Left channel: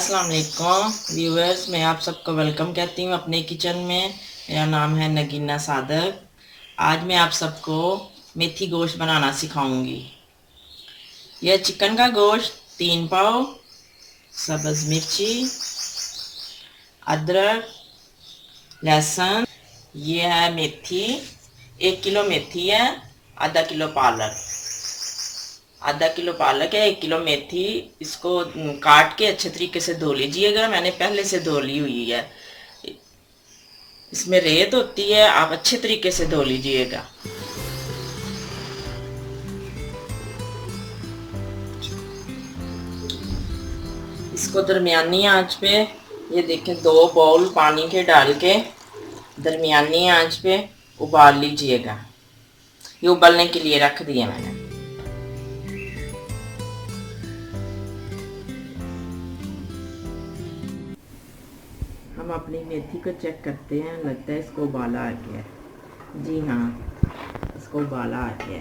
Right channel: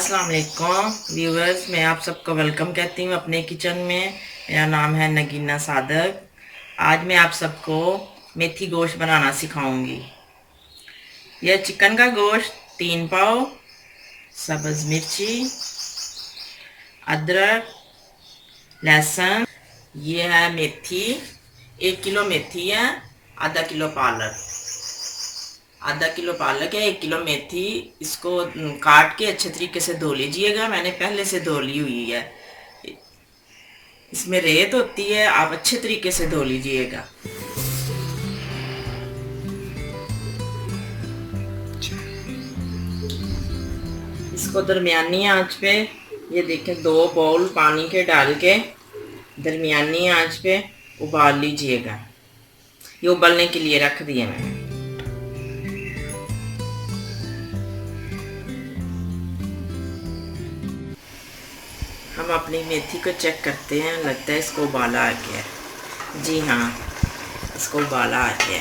अस्सलाम वालेकुम व्यूवर्स, मैं आप सबको वेलकम कहती हूँ अपने किचन में। मेरा नाम है नगीना सादक। आज मैं आप सबको मेथी गोश्त बनाना सिखाऊंगी। यह चिकन का गोश्त 3 पाव, सब्ज़ मिर्ची, अदरक, लहसुन, ये है मेथी। 1 किलो मेथी है, आधा किलो पालक है, 1 किलो मेथी। इसको काट के अच्छे तरीके से धो लीजिएगा। मैंने पहले से धो ली हुई है। इसमें रेत होती है, आप अच्छे तरीके से धो लीजिएगा। इसको दरमियानी आंच पे, ये देखें, 2 बाउल पानी के डाल के दरमियानी आंच पे उबाल लीजिएगा। ये उबलने के लिए रख दिया मैंने। हम अपनी मेथी को चेक करते हैं, लगता है इसको उबाला आ गया। जी हाँ, इसको उबाला आ गया।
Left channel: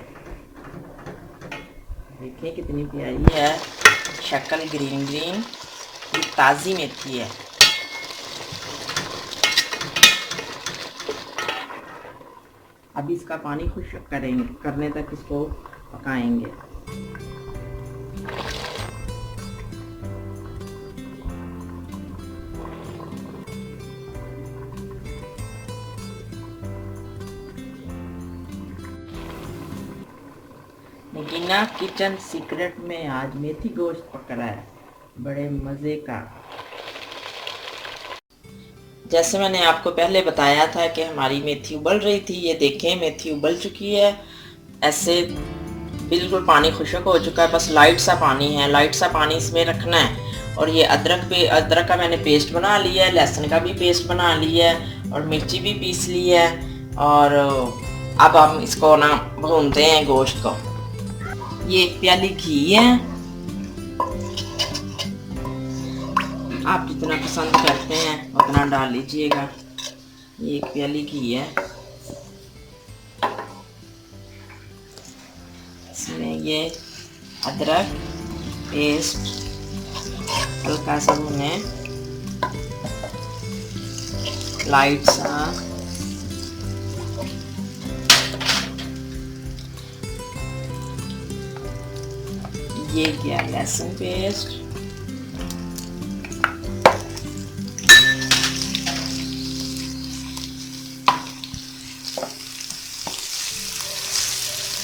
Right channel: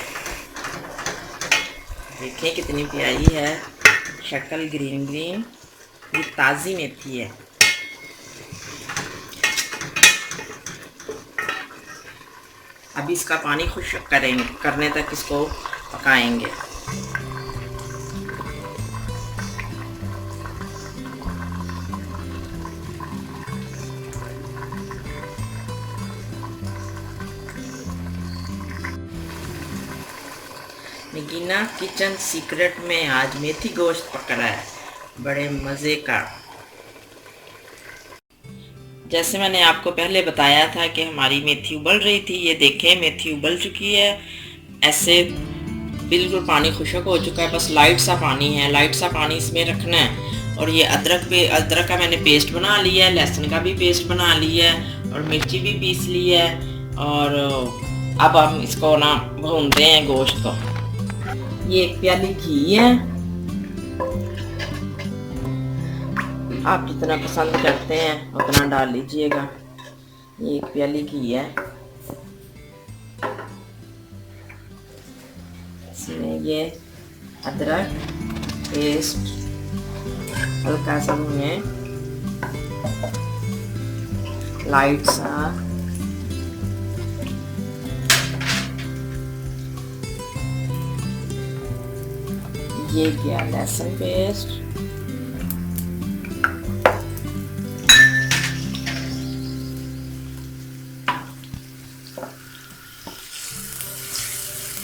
देखें कितनी प्यारी है शक्ल, ग्रीन ग्रीन। ये ताज़ी मेथी है। अभी इसका पानी खुश्क करने तक इसको पकाएंगे। नगीना किचन सीक्रेट में आज मेथी गोश्त पकड़ा है, बड़े मज़े का। जैसे मैंने आपको पहले बताया था कि हमारी मेथी उबल रही थी। ये देखें, मेथी उबल चुकी है। ऐसे बिल्कुल पानी खुश्क हो चुका है, बस लाइट सा पानी है। लाइट सा पानी इसमें रखना है। और ये अदरक का मैंने पेस्ट बना लिया है, लहसुन का भी पेस्ट बना लिया है, और मिर्ची भी पीस ली है। और अब हम इसको ना भूनते हैं गोश्त को। ये 1 प्याली घी है, आप जितना पसंद करते हैं उतना डाल लीजिएगा। ये 1 प्याली घी है। इसमें ये अदरक पेस्ट हल्का सा भूने, लाइट सा। ये क्या, लहसुन पेस्ट,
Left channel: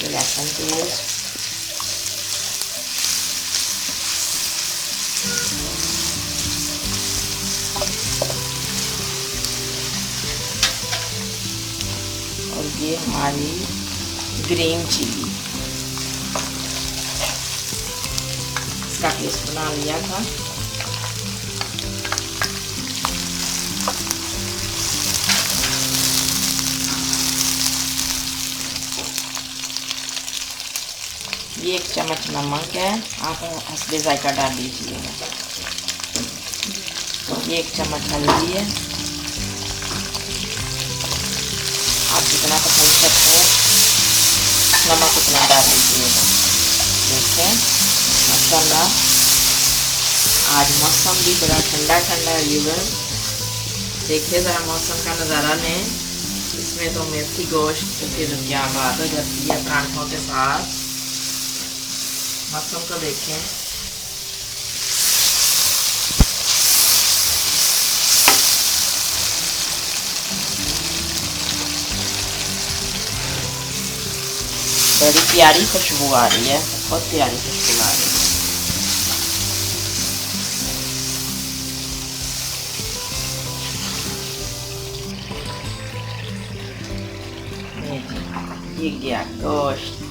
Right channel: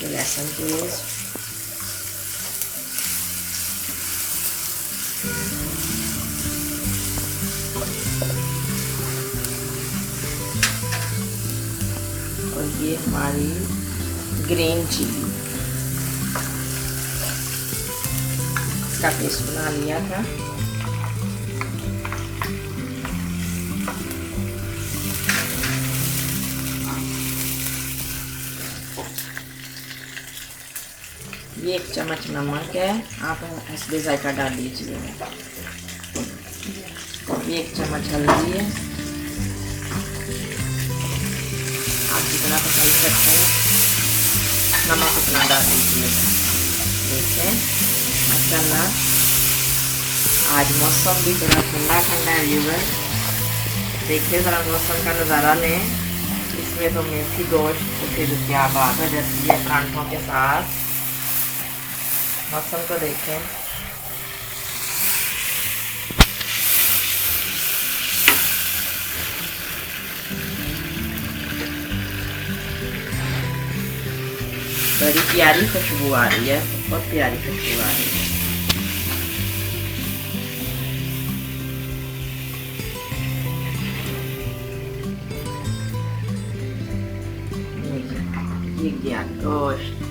लहसुन पेस्ट, और ये हमारी ग्रीन चिली, इसका पेस्ट बना लिया था। ये 1 चम्मच नमक है, आप हस्बे जायका डाल लीजिएगा। ये 1 चम्मच हल्दी है, आप जितना पसंद करते हैं नमक उतना डाल लीजिएगा। देखें माशाल्लाह, आज मौसम भी बड़ा ठंडा ठंडा है। व्यूअर देखिए ज़रा मौसम का नज़ारा लें। इसमें तो मेथी गोश्त तो फिर क्या बात हो जाती है परांठों के साथ। मौसम को देखें। बड़ी प्यारी खुशबू आ रही है, बहुत प्यारी खुशबू आ रही है। ये गया गोश्त।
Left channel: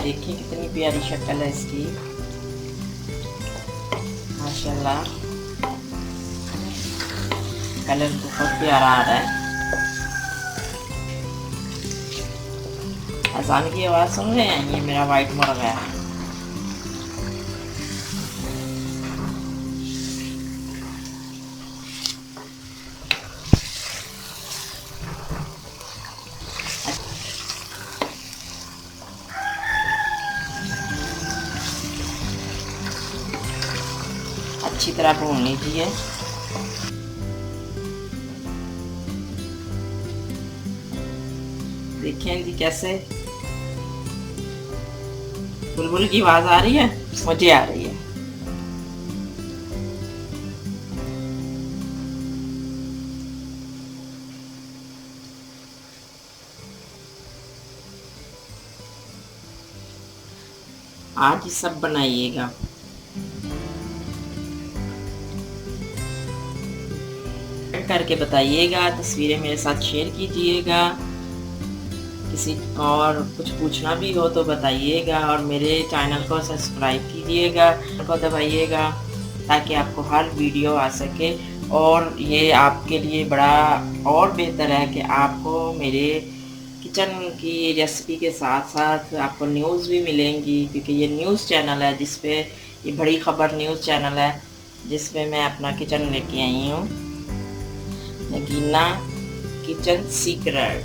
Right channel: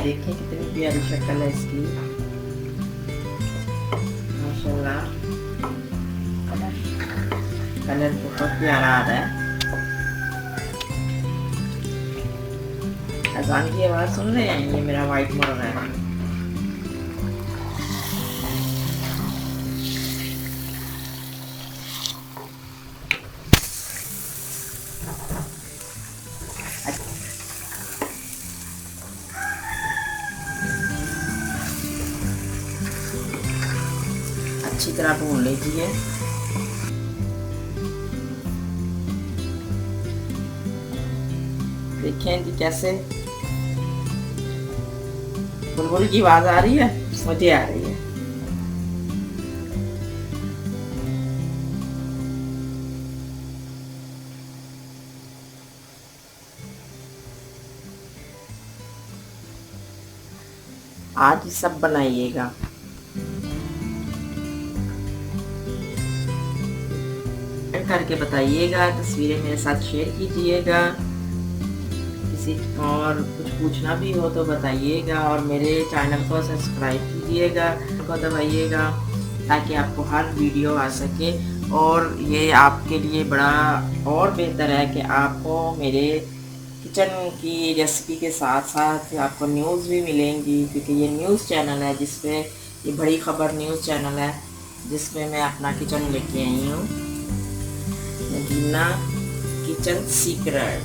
देखिए कितनी प्यारी शक्ल है इसकी, माशाल्लाह। कलर बहुत प्यारा आ रहा है। अजान की आवाज़ सुन रहे हैं? ये मेरा वाइट मुर्गा है। अच्छी तरह भून लीजिए। देखें जी कैसे बुलबुल की आवाज आ रही है, मुझे आ रही है। आज ही सब बनाइएगा। करके बताइएगा, तस्वीरें मेरे साथ शेयर कीजिएगा। किसी और कुछ पूछना भी हो तो बताइएगा, और मेरे चैनल को सब्सक्राइब कीजिएगा, को दबाइएगा ताकि आपको हर वीडियो आ सके। और ये आपके लिए बड़ा और बेहतर है कि आपको मेरे किचन की रेसिपी के साथ साथ आपको न्यूज़ भी मिलेंगी, क्योंकि ये न्यूज़ चैनल है जिसपे ये बड़ी ख़बर न्यूज़ चैनल है जिसमें मैं अपना किचन लेके आई हूँ, नगीना किचन सीक्रेट।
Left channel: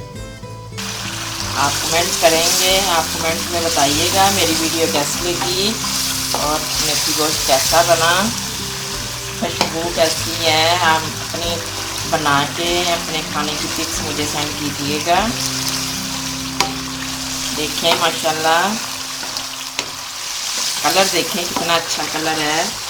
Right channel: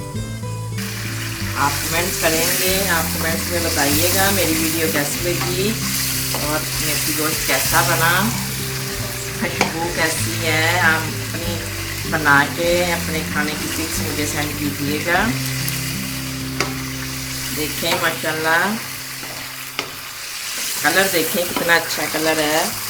आप कमेंट करेंगे, आप कमेंट में बताइएगा मेरी वीडियो कैसी लगी और मेथी गोश्त कैसा बना, खुशबू कैसी है। आप अपने बना के अपने खाने की पिक्स मुझे सेंड कीजिएगा। देखें माशाल्लाह कलर देखें कितना अच्छा कलर है।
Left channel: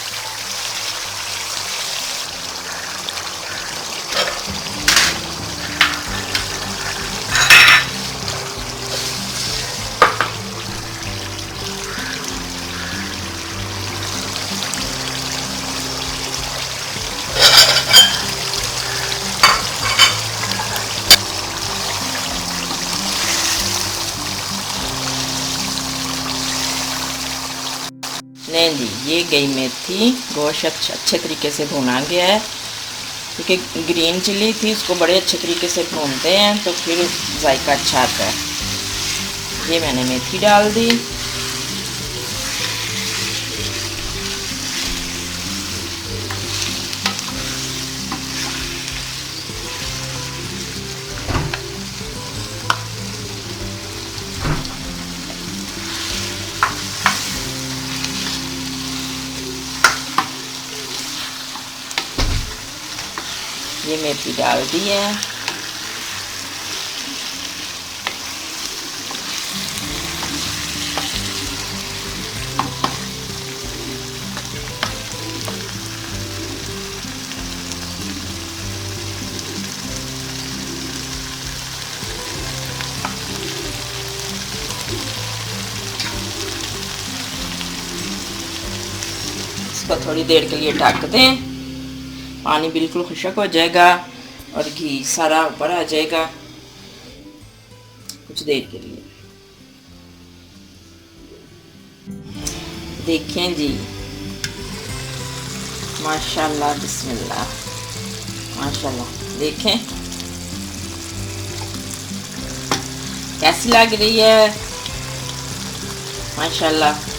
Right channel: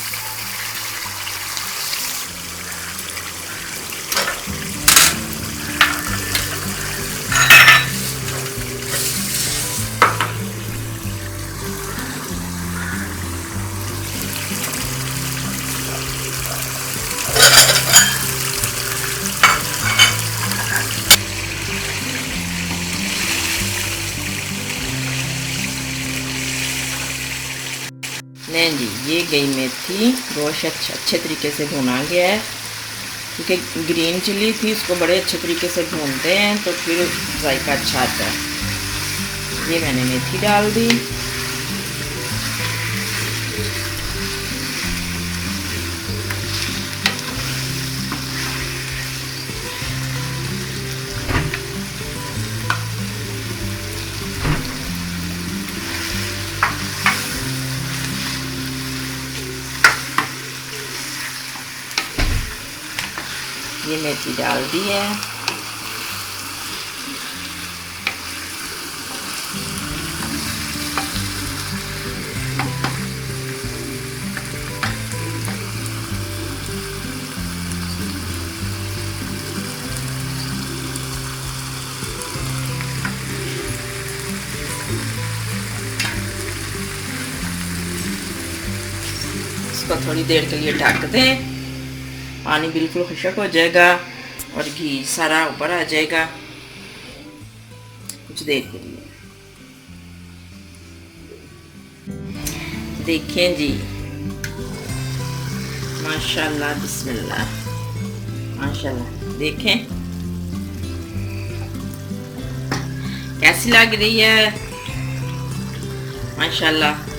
नहीं जी, ये गई मेथी बहुत अच्छे तरीके से भुना गया है, क्योंकि ग्रीन चिली थी उसको बड़े अच्छे तरीके से भूनते हैं तो फिर जायका अच्छा आता है। ये मैंने मेथी डाल दी। ये मेथी डाल दी है। इसको थोड़ी देर के लिए ढक दें, पानी बिल्कुल खुश्क हो जाएगा और घी सारा ऊपर आ जाएगा कुछ देर के लिए। देखें जी माशाल्लाह बिस्मिल्लाह, माशाल्लाह देखें कैसी लग रही है। माशाल्लाह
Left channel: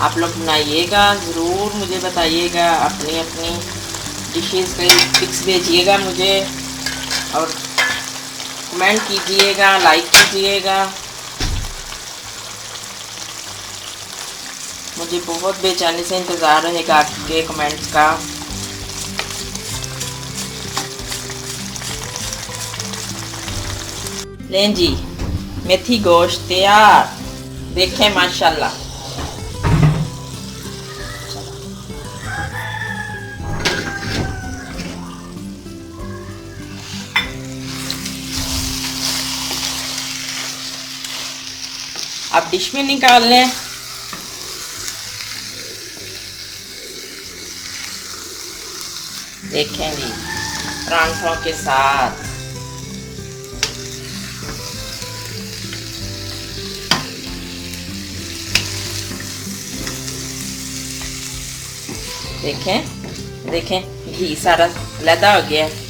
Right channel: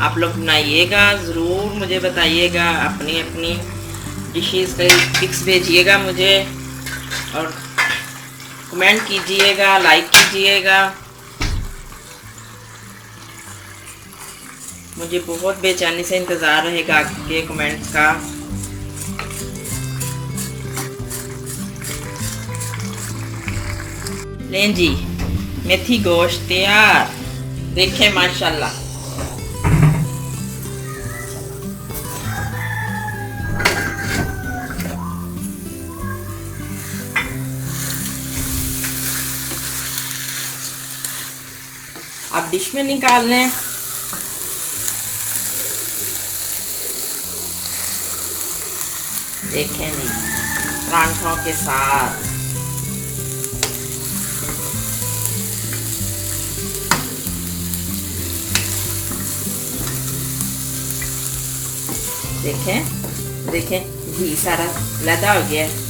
आप लोग बनाइएगा, ज़रूर मुझे बताइएगा, अपनी अपनी डिशेस पे पिक्स भेजिएगा मुझे और कमेंट कीजिएगा, लाइक कीजिएगा। मुझे बहुत बेचैनी से इंतज़ार रहेगा आपके कमेंट्स का। लें जी मेथी गोश्त तैयार। देखें माशाल्लाह अब डिश में निकाल लें। देखें जी परांठों के साथ देखें घी सारा लैदा हो गया है।